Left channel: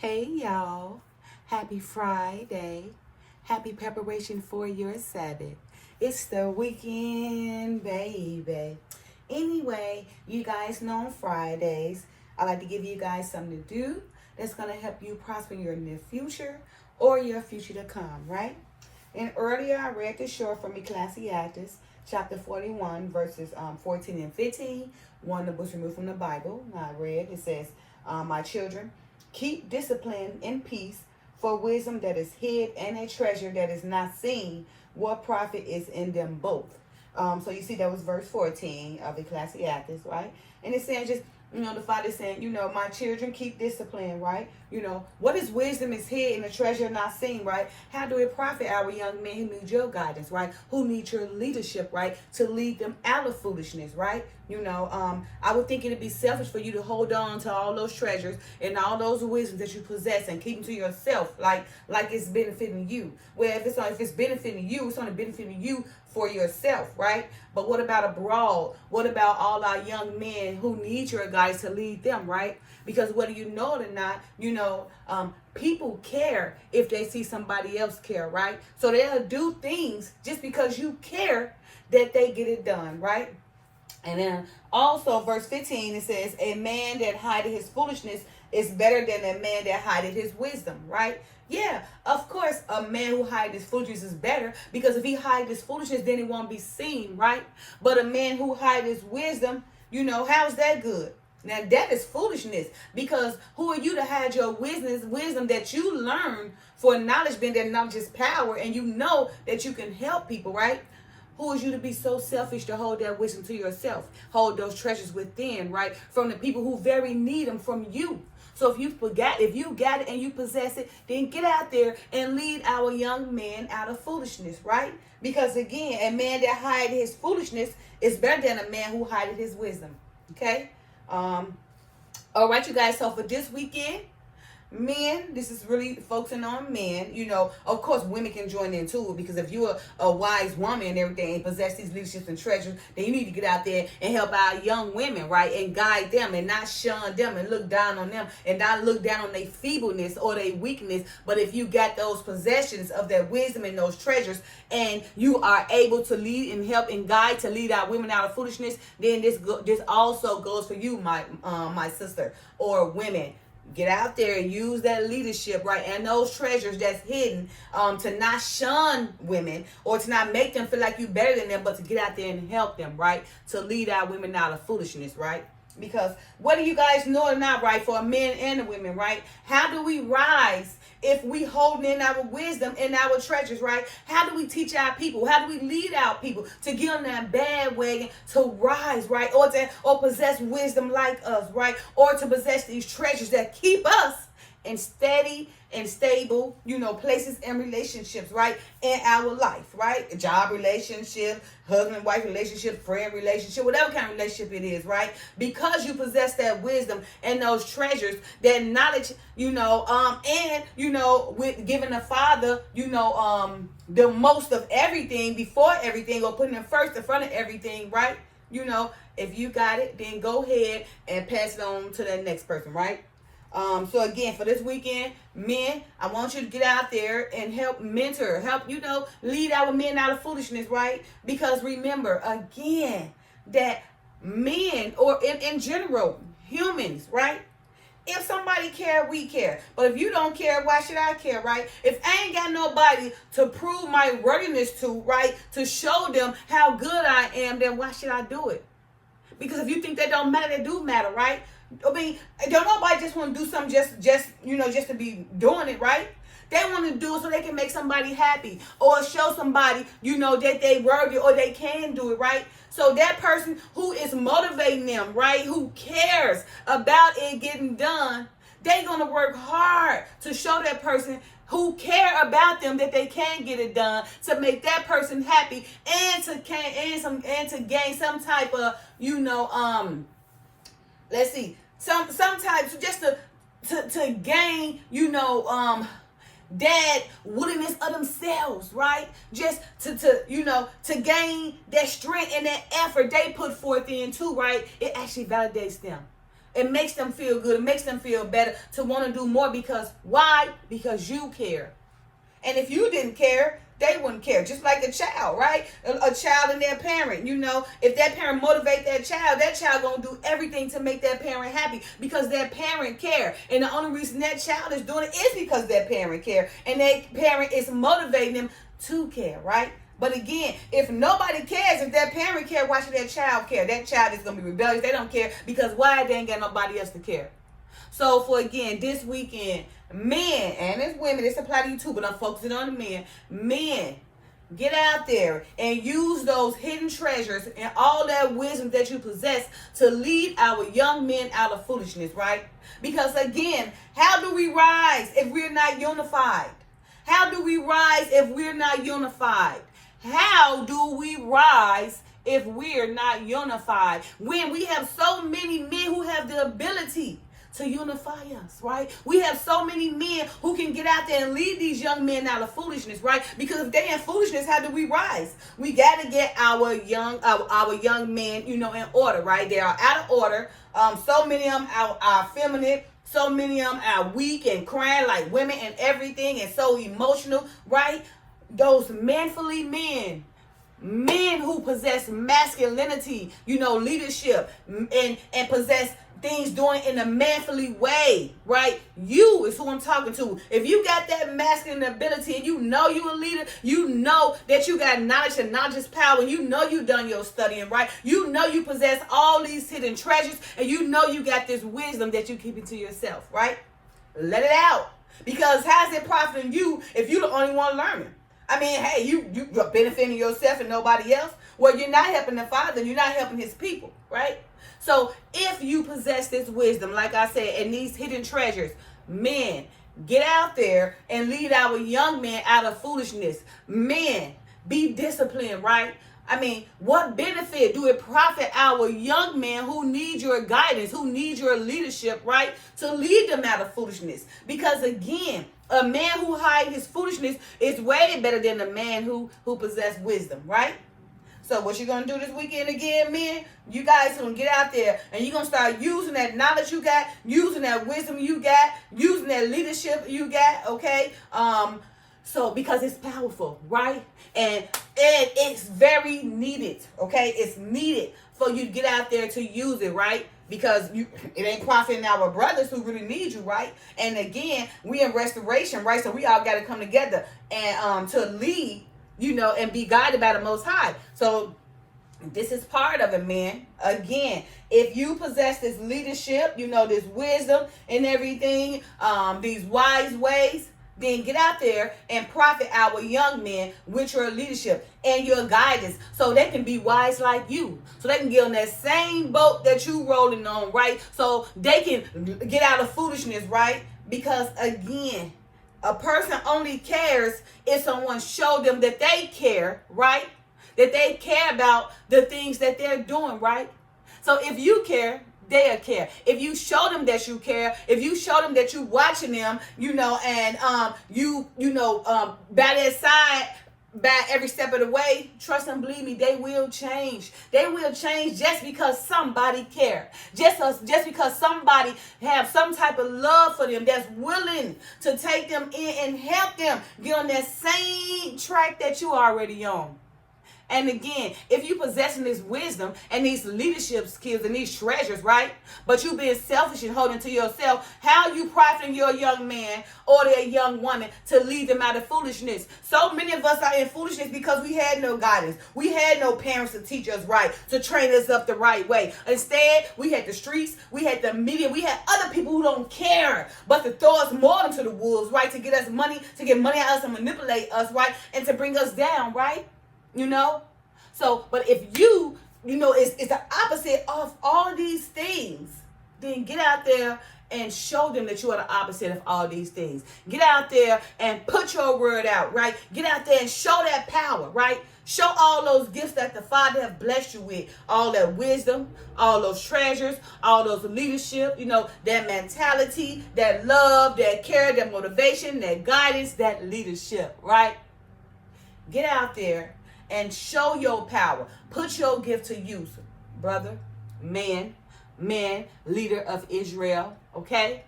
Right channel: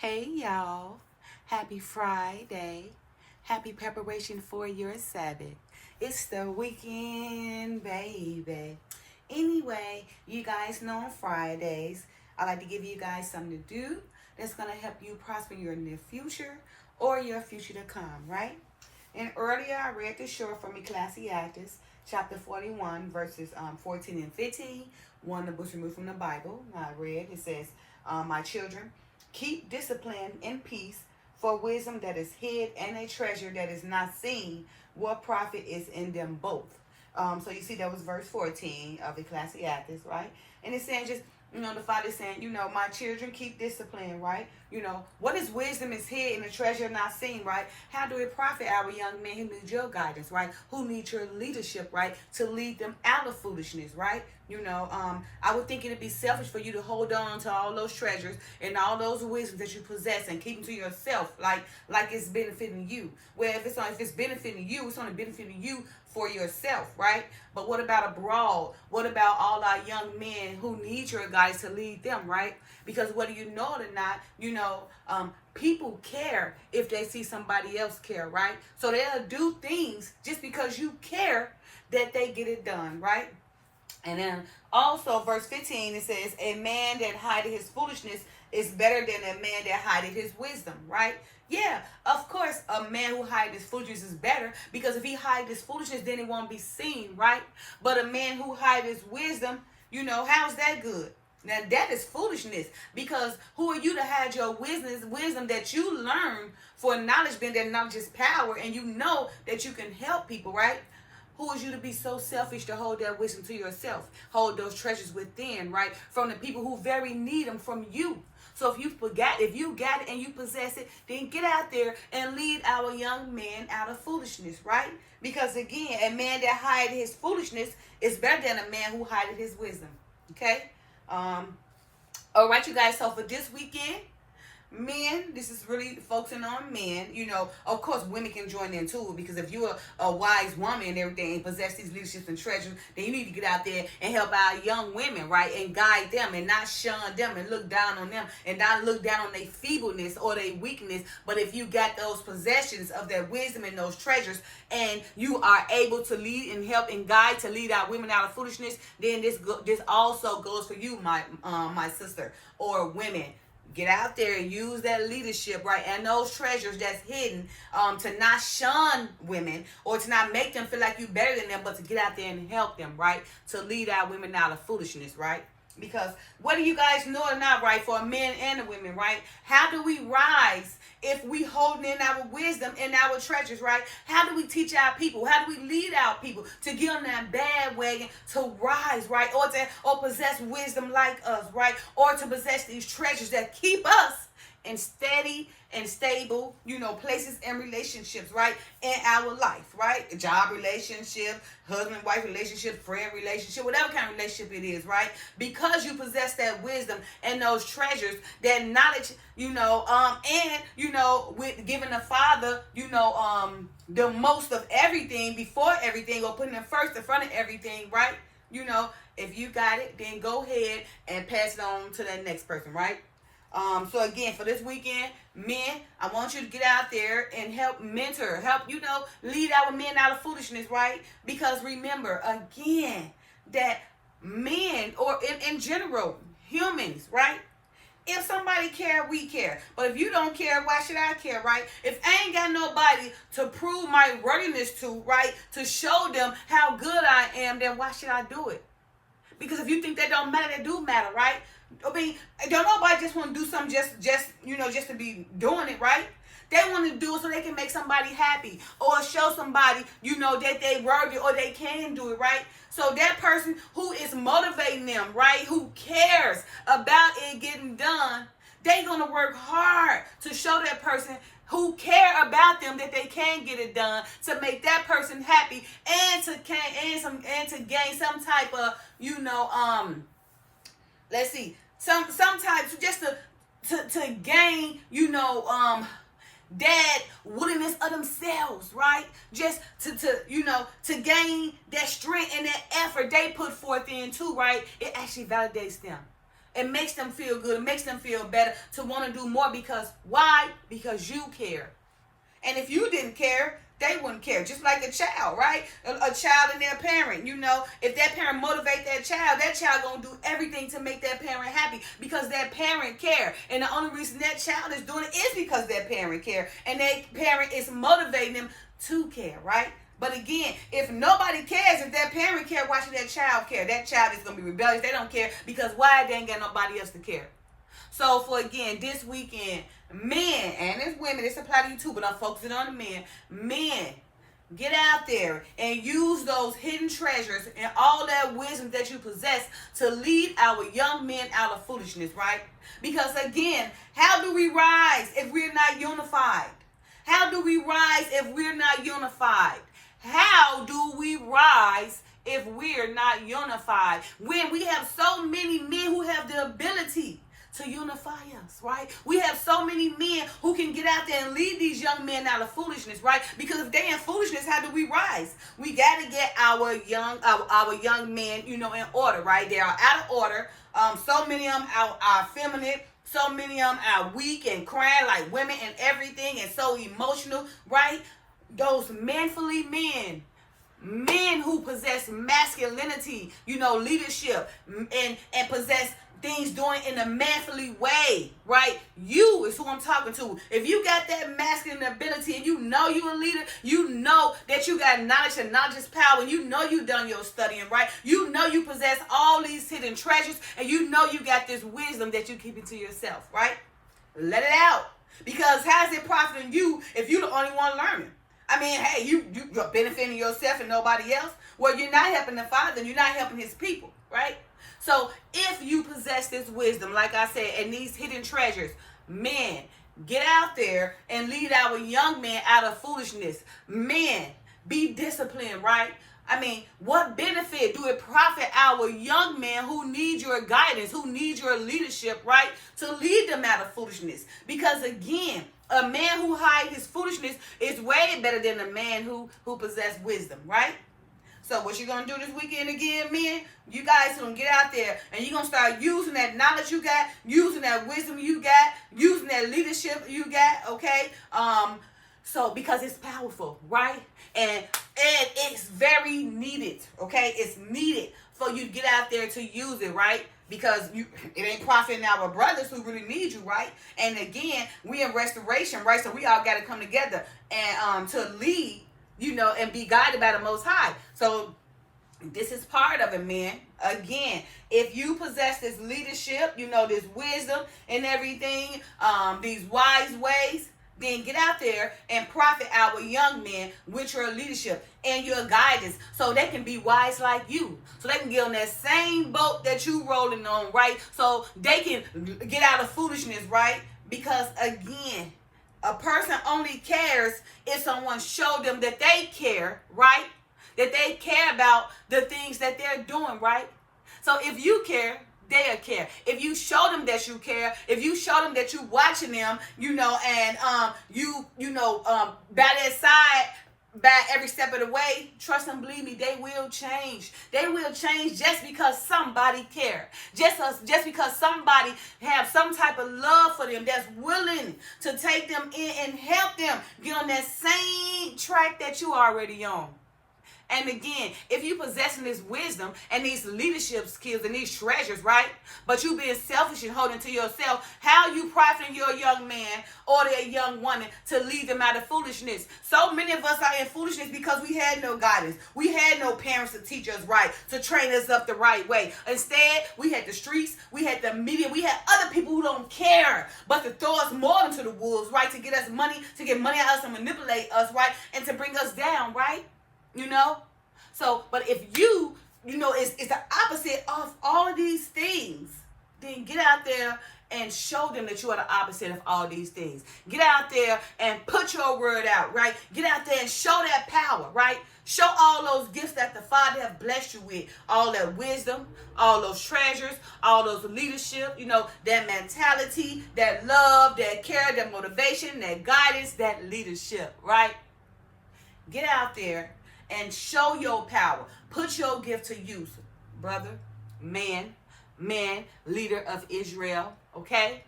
Hey y'all, happy Friday. Happy preparation for your Sabbath. It's the weekend, baby. Anyway, you guys know on Fridays, I like to give you guys something to do that's going to help you prosper in your near future or your future to come, right? And earlier I read the short from Ecclesiastes, chapter 41, verses 14 and 15. One of the books removed from the Bible. I read, it says, my children, keep discipline in peace, for wisdom that is hid and a treasure that is not seen. What profit is in them both? So you see that was verse 14 of Ecclesiastes, right? And it's saying just, the Father saying, my children keep discipline, right? What is wisdom is hid and the treasure not seen, right? How do it profit our young men who need your guidance, right? Who need your leadership, right? To lead them out of foolishness, right? I would think it'd be selfish for you to hold on to all those treasures and all those wisdoms that you possess and keep them to yourself, like it's benefiting you. Well, if it's benefiting you, it's only benefiting you for yourself, right? But what about abroad? What about all our young men who need your guidance to lead them, right? Because whether you know it or not, people care if they see somebody else care, right? So they'll do things just because you care that they get it done, right? And then also verse 15, it says, a man that hideth his foolishness is better than a man that hideth his wisdom, right? Yeah, of course, a man who hides his foolishness is better, because if he hides his foolishness, then it won't be seen, right? But a man who hides his wisdom, how's that good? Now that is foolishness, because who are you to hide your wisdom that you learn? For knowledge being that knowledge is power, and you know that you can help people, right? Who is you to be so selfish to hold that wisdom to yourself? Hold those treasures within, right? From the people who very need them from you. So if you got it and you possess it, then get out there and lead our young men out of foolishness, right? Because again, a man that hide his foolishness is better than a man who hideth his wisdom. Okay? All right, you guys. So for this weekend, men, this is really focusing on men. Of course, women can join in too, because if you're a wise woman and everything and possess these leaderships and treasures, then you need to get out there and help our young women, right? And guide them and not shun them and look down on them and not look down on their feebleness or their weakness. But if you got those possessions of that wisdom and those treasures, and you are able to lead and help and guide to lead our women out of foolishness, then this also goes for you, my sister, or women. Get out there and use that leadership, right? And those treasures that's hidden, to not shun women or to not make them feel like you better than them, but to get out there and help them, right? To lead our women out of foolishness, right? Because whether you guys know or not, right, for a man and a women, right? How do we rise if we hold in our wisdom and our treasures, right? How do we teach our people? How do we lead our people to get on that bandwagon to rise, right? Or possess wisdom like us, right? Or to possess these treasures that keep us in steady and stable, places and relationships, right? In our life, right? Job relationship, husband, wife relationship, friend relationship, whatever kind of relationship it is, right? Because you possess that wisdom and those treasures, that knowledge, with giving the Father, the most of everything before everything, or putting it first in front of everything, right? If you got it, then go ahead and pass it on to the next person, right? So again, for this weekend, men, I want you to get out there and help mentor, lead our men out of foolishness, right? Because remember, again, that men, or in general, humans, right? If somebody care, we care. But if you don't care, why should I care, right? If I ain't got nobody to prove my worthiness to, right, to show them how good I am, then why should I do it? Because if you think that don't matter, they do matter, right? I mean, don't nobody just want to do something just to be doing it, right? They want to do it so they can make somebody happy, or show somebody, that they worthy or they can do it, right? So that person who is motivating them, right, who cares about it getting done, they're going to work hard to show that person who care about them that they can get it done, to make that person happy, and to gain some type of, let's see, some types, just to gain, that willingness of themselves, right? Just to gain that strength and that effort they put forth in too, right? It actually validates them. It makes them feel good. It makes them feel better to want to do more because why? Because you care. And if you didn't care, they wouldn't care. Just like a child, right? A child and their parent, if that parent motivate that child gonna do everything to make that parent happy because that parent care. And the only reason that child is doing it is because that parent care. And that parent is motivating them to care, right? But again, if nobody cares, if that parent care, why should that child care? That child is gonna be rebellious. They don't care because why? They ain't got nobody else to care. So for again, this weekend, men and as women, this applies to you too, but I'm focusing on the men. Men, get out there and use those hidden treasures and all that wisdom that you possess to lead our young men out of foolishness, right? Because again, how do we rise if we're not unified? How do we rise if we're not unified? How do we rise if we're not unified? When we have so many men who have the ability to unify us, right? We have so many men who can get out there and lead these young men out of foolishness, right? Because if they're in foolishness, how do we rise? We got to get our young men, in order, right? They are out of order. So many of them are feminine. So many of them are weak and crying like women and everything and so emotional, right? Those manfully men who possess masculinity, leadership and possess things doing in a manfully way, right? You is who I'm talking to. If you got that masculine ability and you're a leader, you know that you got knowledge and knowledge is power, and you done your studying, right? You possess all these hidden treasures, and you got this wisdom that you keep it to yourself, right? Let it out. Because how's it profiting you if you're the only one learning? I mean, hey, you're benefiting yourself and nobody else. Well, you're not helping the Father, and you're not helping his people, right? So if you possess this wisdom, like I said, and these hidden treasures, men, get out there and lead our young men out of foolishness. Men, be disciplined, right? I mean, what benefit do it profit our young men who need your guidance, who need your leadership, right? To lead them out of foolishness. Because again, a man who hides his foolishness is way better than a man who possesses wisdom, right? So what you going to do this weekend again, men? You guys going to get out there and you're going to start using that knowledge you got, using that wisdom you got, using that leadership you got, okay? So because it's powerful, right? And it's very needed, okay? It's needed for you to get out there to use it, right? Because it ain't profiting our brothers who really need you, right? And again, we in restoration, right? So we all got to come together and to lead, and be guided by the Most High. So this is part of it, man. Again, if you possess this leadership, this wisdom and everything, these wise ways, then get out there and profit our young men with your leadership and your guidance so they can be wise like you. So they can get on that same boat that you rolling on, right? So they can get out of foolishness, right? Because again, a person only cares if someone showed them that they care, right? That they care about the things that they're doing, right? So if you care, they'll care. If you show them that you care, if you show them that you watching them, and by their side, by every step of the way, trust and believe me, they will change. They will change just because somebody cares. Just because somebody have some type of love for them that's willing to take them in and help them get on that same track that you already on. And again, if you possessing this wisdom and these leadership skills and these treasures, right? But you being selfish and holding to yourself, how you profiting your young man or their young woman to lead them out of foolishness? So many of us are in foolishness because we had no guidance. We had no parents to teach us right, to train us up the right way. Instead, we had the streets, we had the media, we had other people who don't care, but to throw us more into the wolves, right? To get us money, to get money out of us and manipulate us, right? And to bring us down, right? So, but if it's the opposite of all these things, then get out there and show them that you are the opposite of all these things. Get out there and put your word out, right? Get out there and show that power, right? Show all those gifts that the Father has blessed you with. All that wisdom, all those treasures, all those leadership, that mentality, that love, that care, that motivation, that guidance, that leadership, right? Get out there and show your power. Put your gift to use, brother, man, man, leader of Israel. Okay?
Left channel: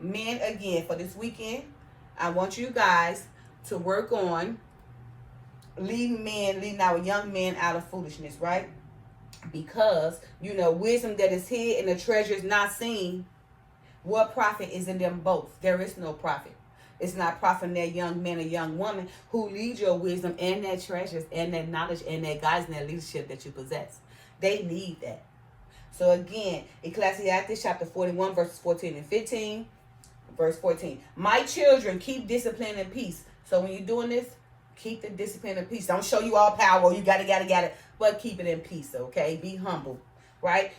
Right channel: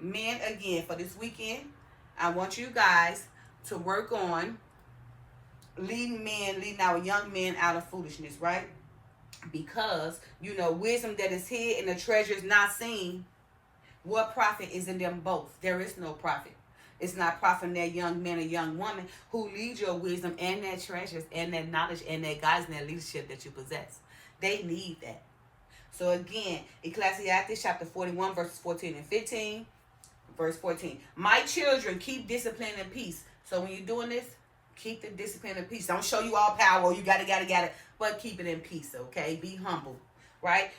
Men, again, for this weekend, I want you guys to work on leading our young men out of foolishness, right? Because, wisdom that is hid and the treasure is not seen, what profit is in them both? There is no profit. It's not profiting that young man or young woman who leads your wisdom and that treasures and that knowledge and that guidance and that leadership that you possess. They need that. So again, Ecclesiastes chapter 41, verses 14 and 15. Verse 14. My children, keep discipline and peace. So when you're doing this, keep the discipline and peace. Don't show you all power. You got it. But keep it in peace, okay? Be humble, right?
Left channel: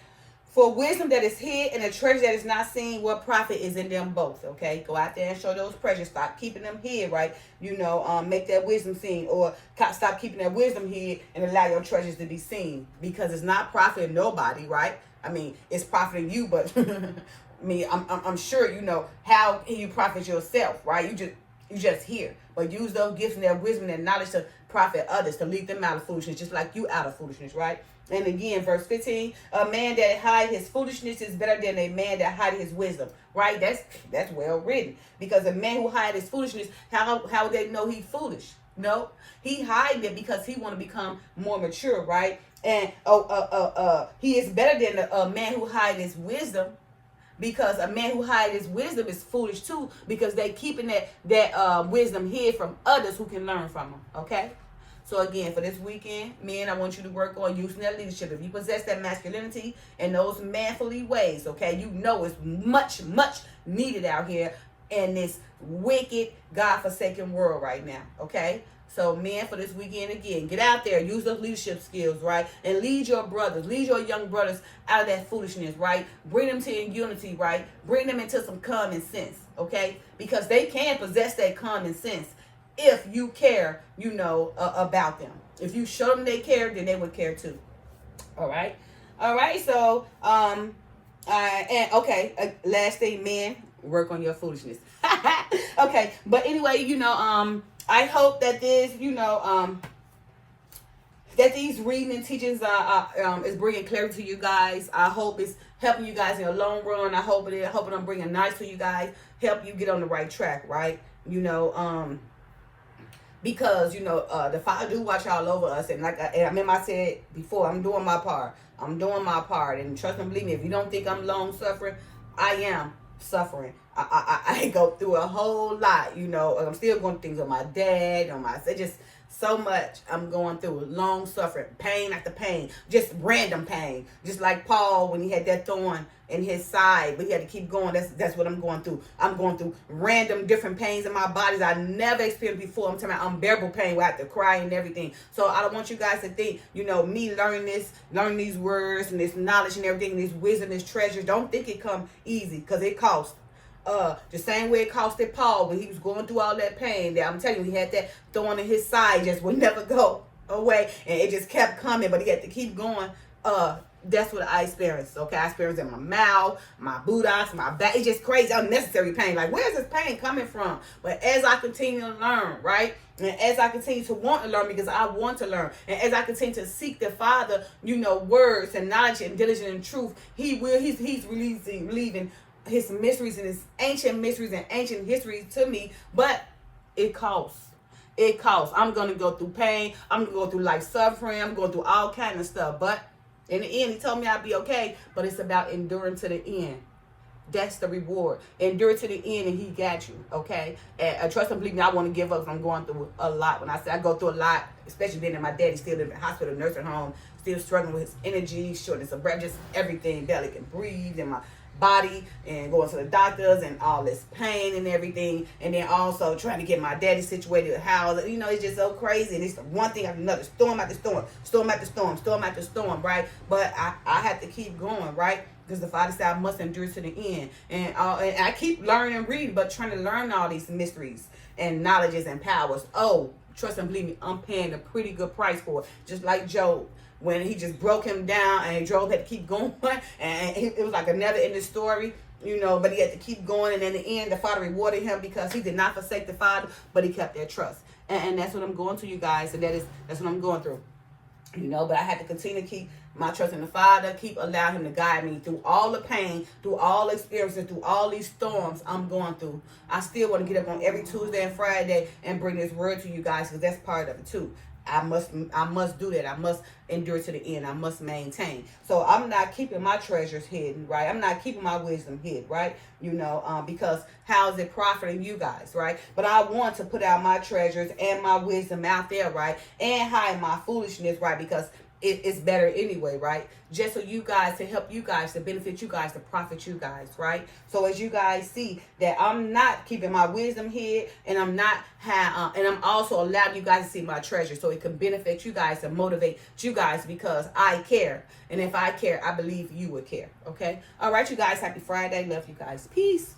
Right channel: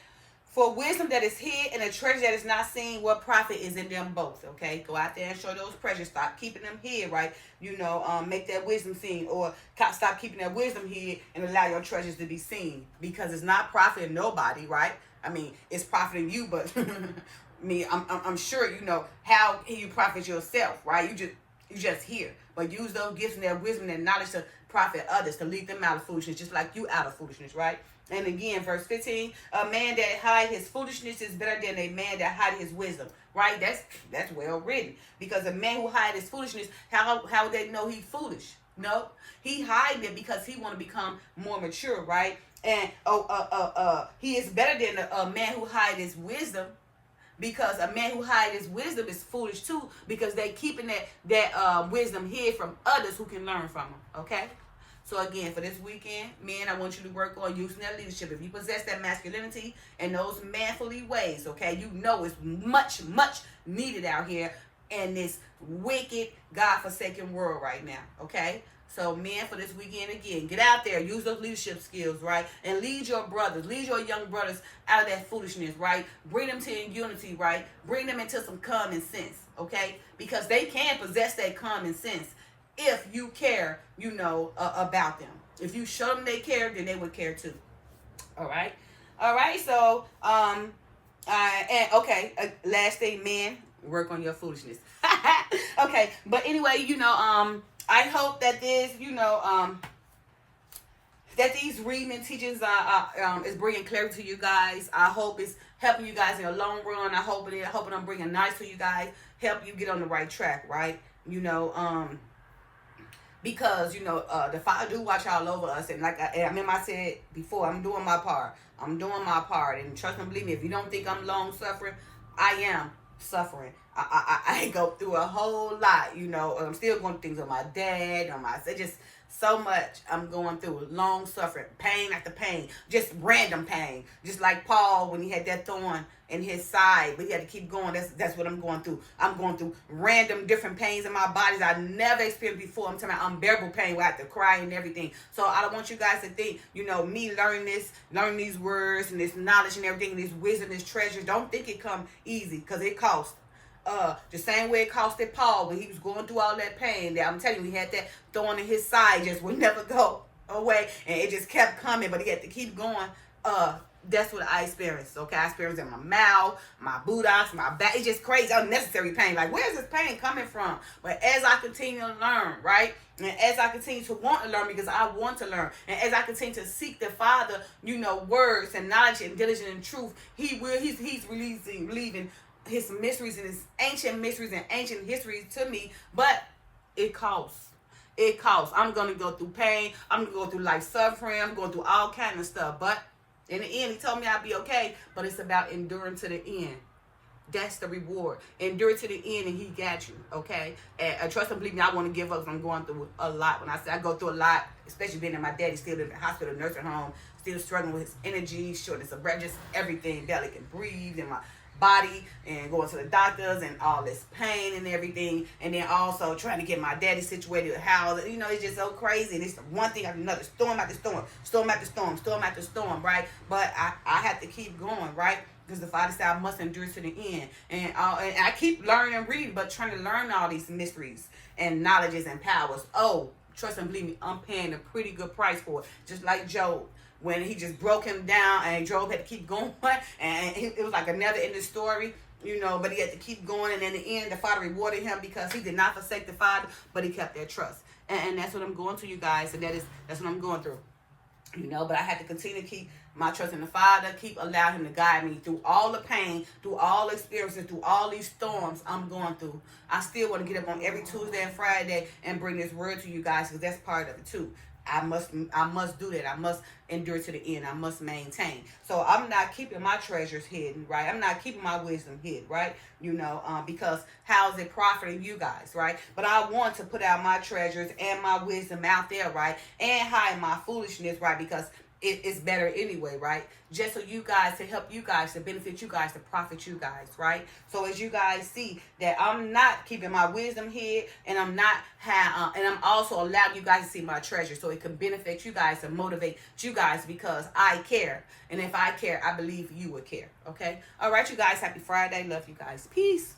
For wisdom that is hid and a treasure that is not seen, what profit is in them both, okay? Go out there and show those treasures. Stop keeping them hid, right? Make that wisdom seen, or stop keeping that wisdom hid and allow your treasures to be seen, because it's not profiting nobody, right? I mean, it's profiting you, but I'm sure you know how you profit yourself, right? You just hear, but use those gifts and that wisdom and knowledge to profit others, to lead them out of foolishness, just like you out of foolishness, right? And again, verse 15, a man that hide his foolishness is better than a man that hide his wisdom, right? That's well written, because a man who hide his foolishness, how would they know he's foolish? No, he hiding it because he want to become more mature, right? And he is better than a man who hide his wisdom, because a man who hides his wisdom is foolish too, because they keeping that wisdom hid from others who can learn from them. Okay. So again, for this weekend, men, I want you to work on using that leadership. If you possess that masculinity and those manfully ways, okay, it's much, much needed out here in this wicked, God-forsaken world right now, okay? So men, for this weekend, again, get out there, use those leadership skills, right? And lead your brothers, lead your young brothers out of that foolishness, right? Bring them to unity, right? Bring them into some common sense, okay? Because they can possess that common sense if you care, about them. If you show them they care, then they would care too. All right. So, last thing, men, work on your foolishness. Okay. But anyway, I hope that this, that these reading and teachings is bringing clarity to you guys. I hope it's helping you guys in the long run. I hope I'm bringing nice to you guys, help you get on the right track, right? Because the Father do watch all over us, and like I said before, I'm doing my part. And trust and believe me, if you don't think I'm long suffering, I am suffering. I go through a whole lot. I'm still going through things with my dad, just so much I'm going through. Long suffering, pain after pain, just random pain. Just like Paul when he had that thorn in his side, but he had to keep going. That's what I'm going through. I'm going through random different pains in my bodies I never experienced before. I'm talking about unbearable pain where I have to cry and everything. So I don't want you guys to think, me learning these words and this knowledge and everything, and this wisdom, this treasure. Don't think it come easy, because it costs. The same way it costed Paul when he was going through all that pain. That I'm telling you, he had that thorn in his side, just would never go away, and it just kept coming, but he had to keep going. That's what I experienced. Okay, I experienced it in my mouth, my buttocks, my back. It's just crazy, unnecessary pain. Like, where's this pain coming from? But as I continue to learn, right, and as I continue to want to learn, because I want to learn, and as I continue to seek the Father, words and knowledge and diligence and truth, He's relieving His mysteries and His ancient mysteries and ancient histories to me. But it costs. It costs. I'm going to go through pain. I'm going to go through life suffering. I'm going through all kind of stuff. But in the end, He told me I'd be okay. But it's about enduring to the end. That's the reward. Endure to the end, and He got you, okay? And trust and believe me, I want to give up. I'm going through a lot. When I say I go through a lot, especially being in my daddy still in the hospital, nursing home, still struggling with his energy, shortness of breath, just everything, barely can breathe, and my body, and going to the doctors and all this pain and everything, and then also trying to get my daddy situated with house. It's just so crazy, and it's one thing after another, storm after storm, right? But I have to keep going, right? Because the Father said I must endure to the end, and I keep learning and reading, but trying to learn all these mysteries and knowledges and powers. Oh, trust and believe me, I'm paying a pretty good price for it, just like Job. When he just broke him down, and Job had to keep going, and it was like a never ending story, but he had to keep going, and in the end, the Father rewarded him because he did not forsake the Father, but he kept their trust. And that's what I'm going to, you guys, and that's what I'm going through. You know, but I had to continue to keep my trust in the Father, keep allowing him to guide me through all the pain, through all experiences, through all these storms I'm going through. I still want to get up on every Tuesday and Friday and bring this word to you guys, because that's part of it too. I must do that. I must endure to the end. I must maintain. So I'm not keeping my treasures hidden, right? I'm not keeping my wisdom hid, right? You know, because how is it profiting you guys, right? But I want to put out my treasures and my wisdom out there, right? And hide my foolishness, right? Because it's better anyway, right? Just so you guys, to help you guys, to benefit you guys, to profit you guys, right? So as you guys see that I'm not keeping my wisdom hid, and I'm not and I'm also allowing you guys to see my treasure, so it can benefit you guys and motivate you guys, because I care. And if I care, I believe you would care. Okay. All right, you guys. Happy Friday. Love you guys. Peace.